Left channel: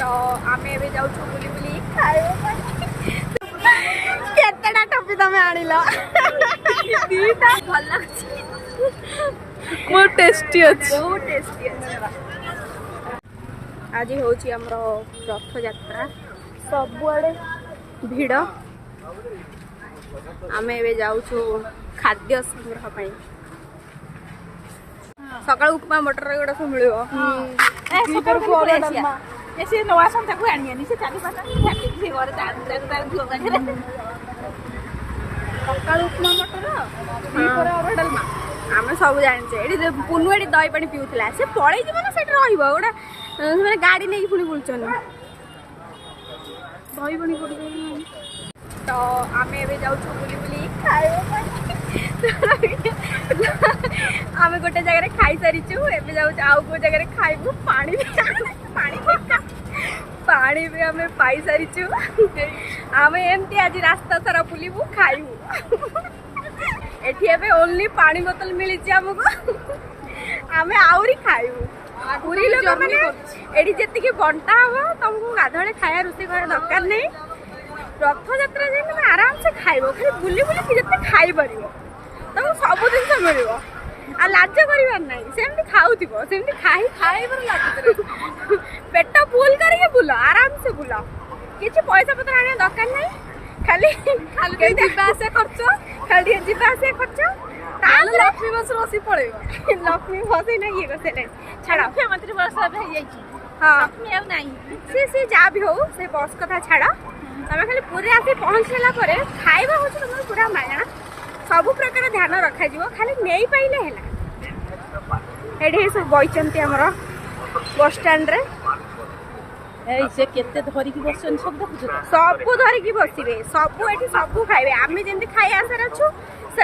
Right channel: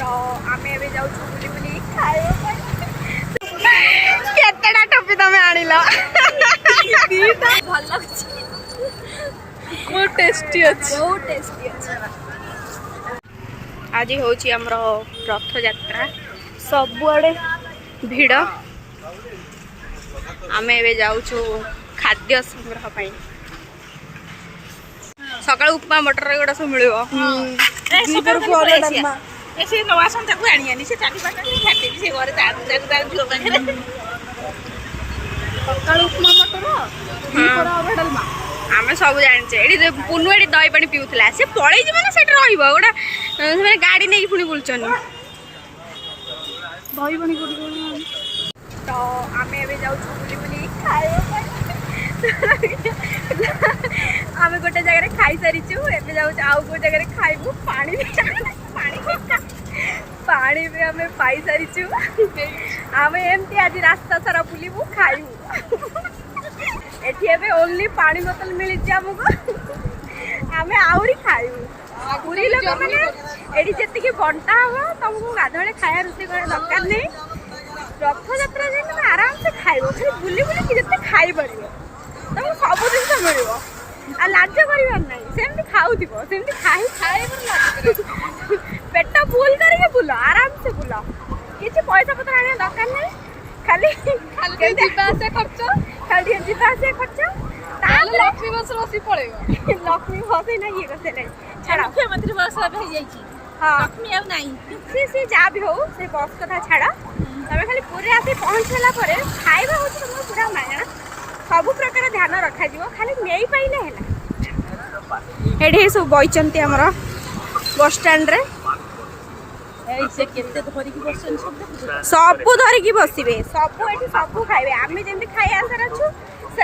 तो आम ए जाऊँ बुली बुली खाइबा केतेटा टोपी तमें आनिल भल लगे बहुत टेस्टी अच्छे बहुत टेस्टी अच्छे। आज हूँ आमर रथ यात्रा सबुआड़े भिड़ आम ए जाऊँ खाद्य संग्रह पाई सकाल उपमा मटर एगुड़ा सब मिल आम सब जाने पुनू एटी दही पानी पीऊला सी पलि ना से रोटा गाड़ी नहीं पुणी बुलचन दही पानी तो आम ए जाऊँ बुली बुली खाइबा आम गोटे जगह खाई सारीचु एबे जाऊ आउ गो जगह खाइबू पानी पानी भी आम पाई सारीचु आम एमती आज रास्ता सारा बुलबू खाइबू एठी एबे ओनली पानी बोतल मिली आमको आम आहरी खाइबू पूरी लोक मैंने एठी जेतिके बंटा हम तुमको गाधे खाया रोषे कर दरकार नहीं रथ यात्रा जे तुम आराम से खाइबो खाली बुली बुली जिते खाई परिबो तुमको सब जिन मिल आ लाज कर सेमती खाऊ सेमती खाई पेट फुल करके बुल आराम से बुल किसी पैसा पत्र आने दरकार नहीं खाली खाली जीवास खर्च लक्ष्मी बस बस पड़े लक्ष्मी बस ना ये कसे छाड़ मुख्यमंत्री बस हाँ सी जहाँ भी हो से बस कथा छाड़ तमें खाली पूरे आसी पहुँचला खाइबा हूँ तुम पूरा मागणा सब प्रकार ध्यान रखा खाली नहीं पाइले है ये सब बईचंती आमर बस स्टैंड रे सब धरिकी बसवे सब ये सब खाइबे आम जमी खाई आसार अच्छु से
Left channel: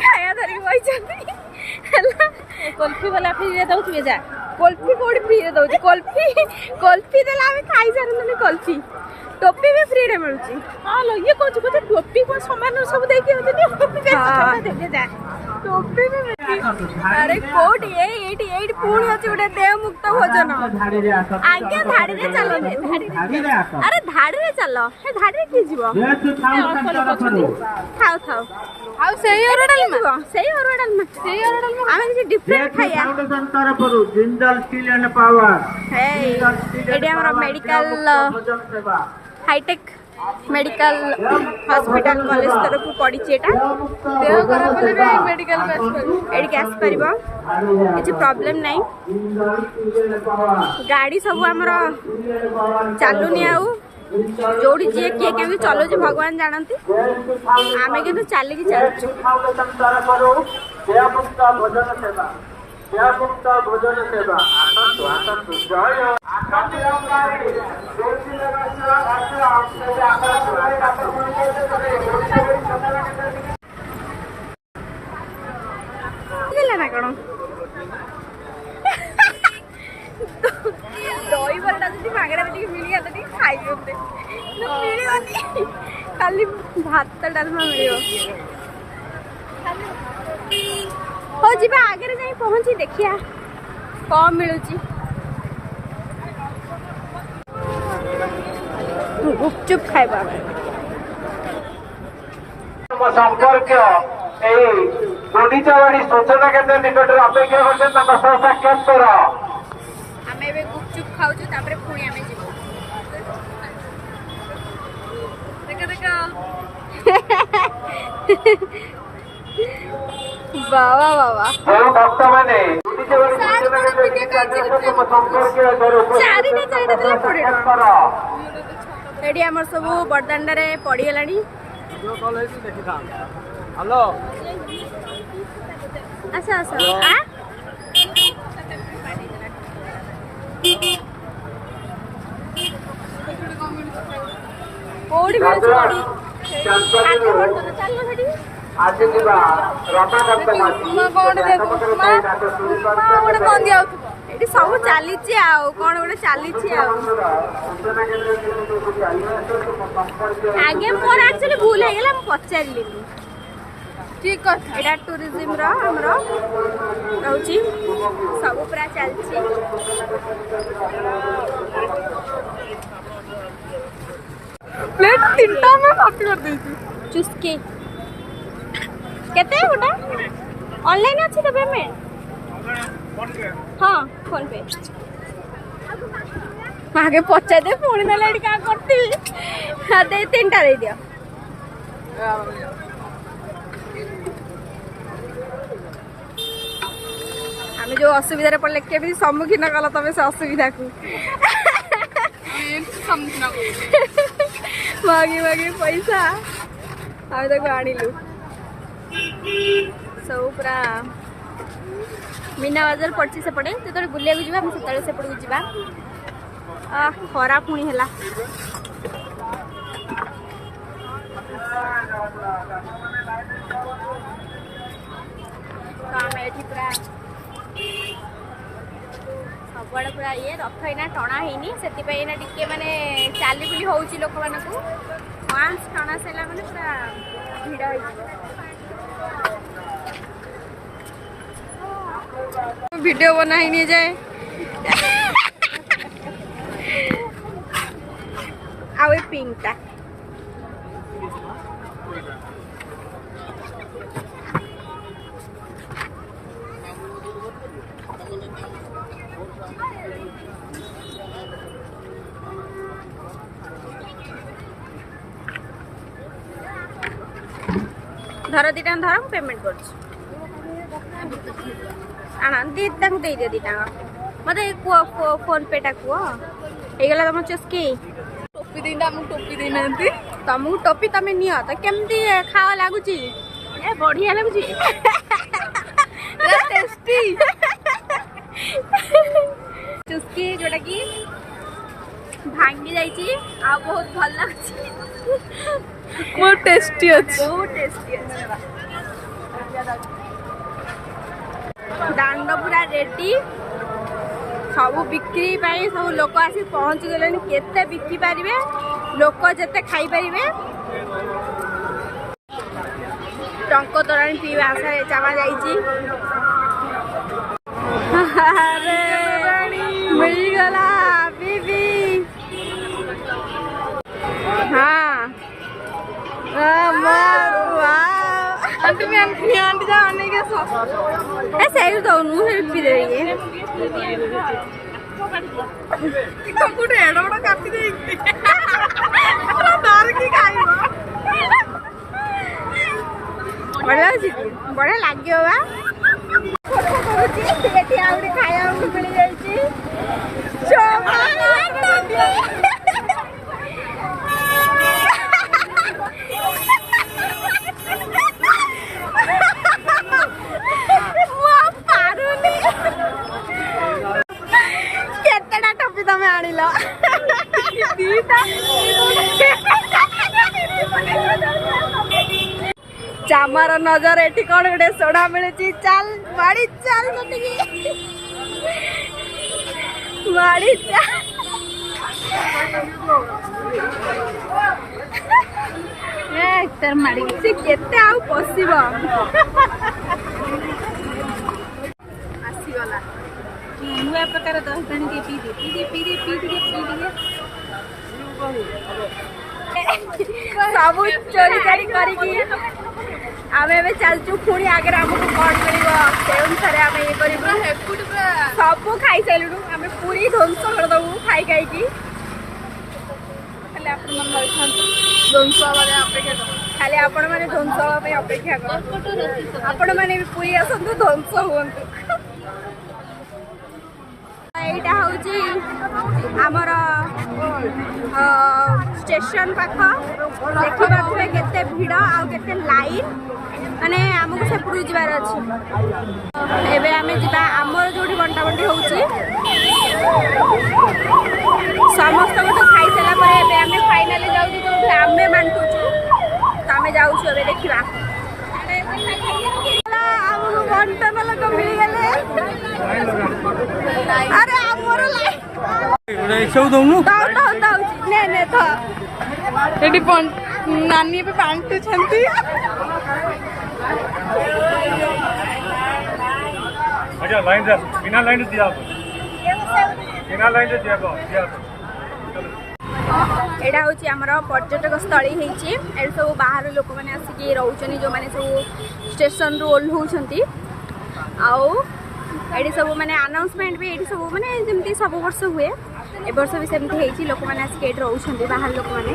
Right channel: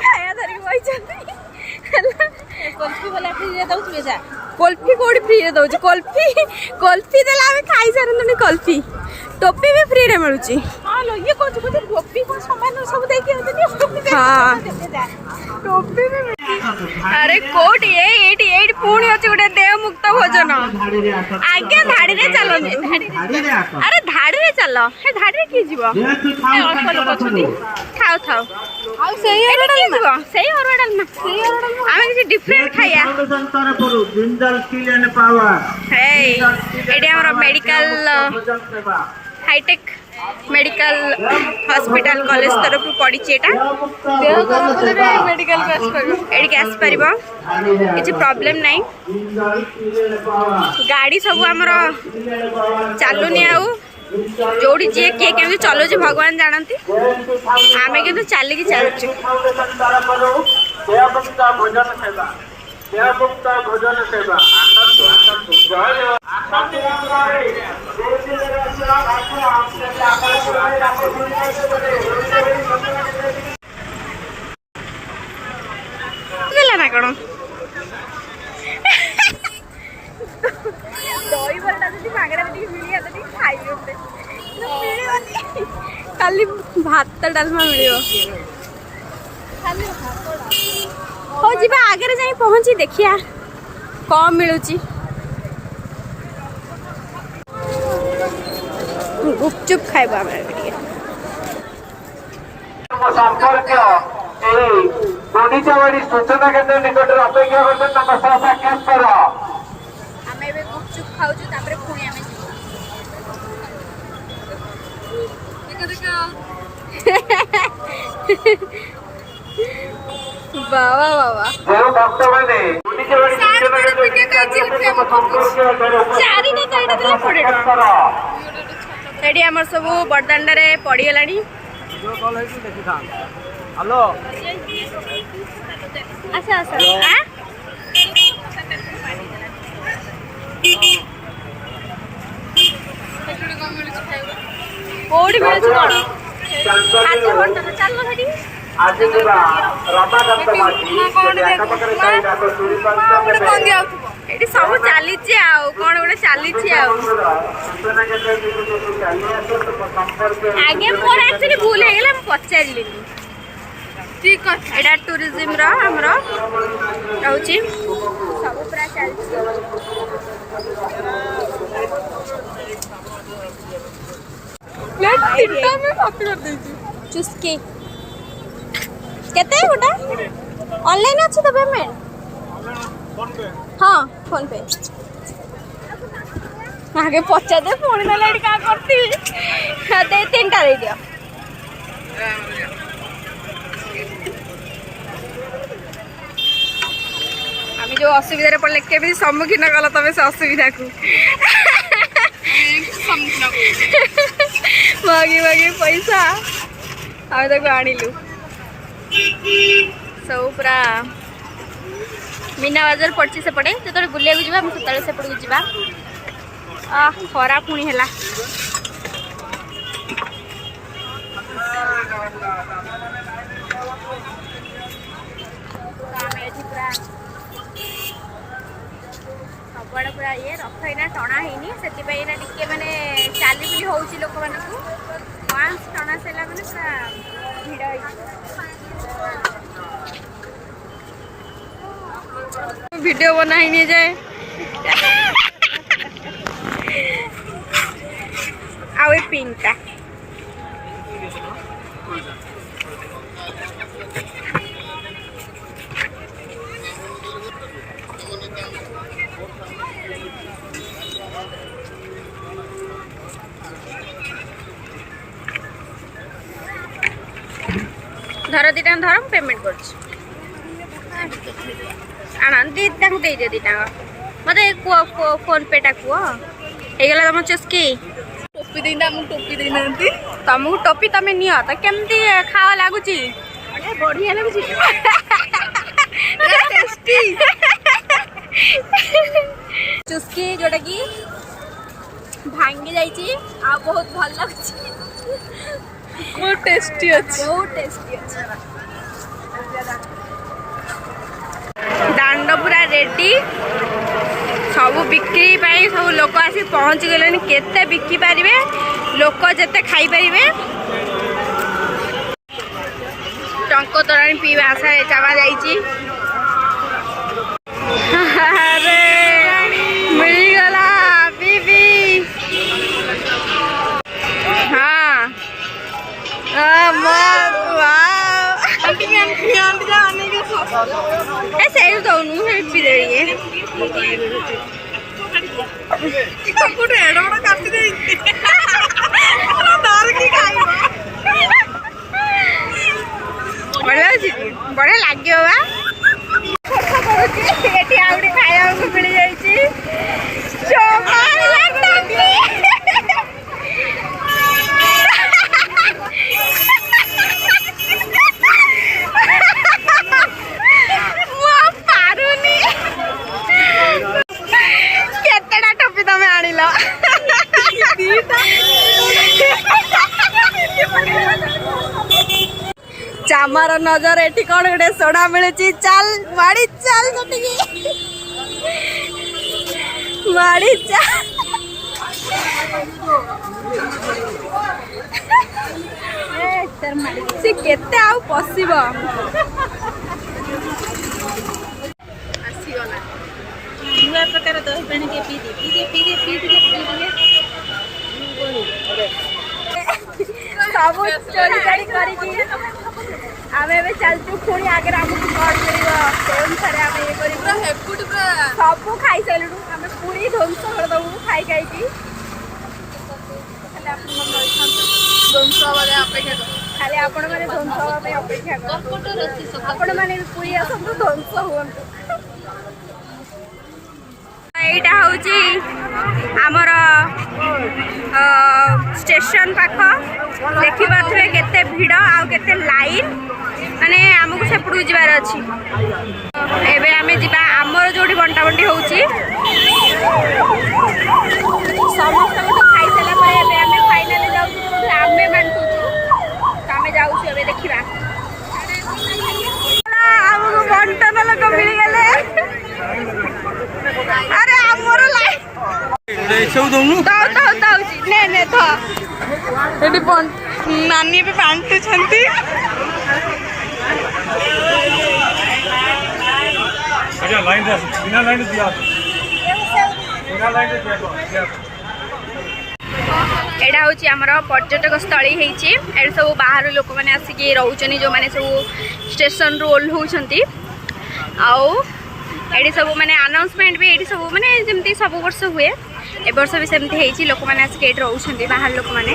खाया धरिकी बईचंती कुल्फी वाला फ्री दौथे जा कुल्फी कौड़ी फ्री दौर कुल्फी देला खाई सारे कुल्फी टोपी भी फ्री रे मिलुची हां लो ये कोच टोपी को सामान सब देके आते टोपी भी अरे कोट ये पुणी अच्छे गोटे देव मुक्त भोजन आगे धाड़ी रे चलो अरे धाड़ी रे चल हे धाड़ी रे की जीव अल्प लोक अछनी खाओ खाओ आ सही अरडा जीव सही अरडा ना सही अरडा आमे किसी डिफरेंट खाया जिंदल स्टील एंड पावर हे एडी हमर medical hitech medical hospital college तरफ पड़ी किसी प्रॉब्लम नहीं गाड़ी सब आमर चलुनी आउ जोड़ी जी किए केमी चलो भगवान जानती आम कि चलिकी चलचु ना कौन दही बड़ा जी मागेरा मिल खाई खाली भात डालमा मिल हो जीवा आगे जाई पहुंची देखिया कौन मिलूची गुपचुप खाइबा गुंडीचावाड़ी सूचना केंद्र निकट अपेक्षा करते आम ए गुपचुप खाऊ पुणी आम बाबा बाबा भक्त मैंने चारिटा आमर सब बड़दाण्ड पड़गला हेलो आस आस कौटी मिलूँ कौन खाद्य भंडार चल से सब चली कौन गोटे चली आगे मोर एक्चुअली भूल हो गला पचारि एटा टूरिज्म रो हमरो रहउची सब पूरा चलची प्लेट तीनटा में कॉपी कर देती चुस्की केते गोटा ऑनलाइन अछि तो पेमेंट हां फोन पे आगे पचा दे फोन में लाइट का करती हां दे तीनटा दे दियो आमी जो असुविधा पड़े केबी सम्मुखीन कल तबे से असुविधा को मागी मागी पैसा आमे तक आनिलु सब पूरा मीना बाजार पड़ची से पड़े जो बुलिया जा सतले से पड़ जा खरा पुणी है पूरा सबुआड़े पूरा ये रथ इना टणा हैनी से टे माने चाली बुली होउची लोक मानकु वांस टणा सेला माने पूरा भिड़ होई वीडियो बना ही नहीं जाए आउ पिंक टा धर दीटा धर पेमेंट कर दीटा दे दे दीटा मत फोन पे टा कह गला तुम चुस्की टोपी देना टोपी देना तुमको टोपी तुम नियो तो केमती खावा लगुच बढ़िया लगुच टेस्टी चुस्की जोटा कि भांगी जाइए आ बहुत भल लगुच बहुत टेस्टी अच्छी बहुत टेस्टी अच्छी दांड पूरा रेडी सब बिक्री सब लोक आसी पहुँची गले केते बिकी पारे लोक जेते खाई पारे टंक तोराणी पीवा आशा चावा जाइए मिलगला बीबी हाँ ऐसे दौनू पी दे बढ़िया लगे आउटे खाया मिल जाइए केतेटा टोपी तमें आनिल चामार नजर एटी कौन गोटे सोडा मिलुची चल माड़ी चल माड़ी चल से केते आउ पसिब आसीगला नुआ प्रकार दही पानी के पी दे सब चोरी चोरी करी आमे चलचु पुणी आगे आमको कौन मिल से अनुसार आम ये कर सब खाई सारू आम पूरी ध्वंस करदेबू खाई खाई ध्वंस खाली आपण मैंने ध्वंस हाँपे अपेक्षा कर आपण मैंने पूरी आसतु ध्वंस हूँ এইটা হচ্ছে আমার স্টেশন পাখ দেখিপারে কেতে ভিড় আউ কেতে লাইন মানে আমাকে সেপটু যাবার আছে এবে আমি যা আমার যেটি বন্টা বন্টি হচ্ছে সমস্ত তো খাই সারা পরে এবে আমি ফাইনালি যাচ্ছি আমি বান্টুছু তো আমি যাচ্ছি এবে দেখা আমাকে বন্টন লোক মিলে গেলে अरे आमर लाइन नानी पे बांटुछंती अच्छा लाइन से बिना लाइन दिया बिना लाइन से दिया एटा हूँ आमर पर्यटक स्थली है सब बाहर लोक मैंने आसिक रोचनी जो मैंने सब स्टेशन रू ओह्लौंट आउ ये सब माने अनाउंसमेंट भी ये सब माने जमती सब वर्ष हुए ए वर्ष भी सेमती लोक मैंने आसिक रोचते बाहर लोक मैंने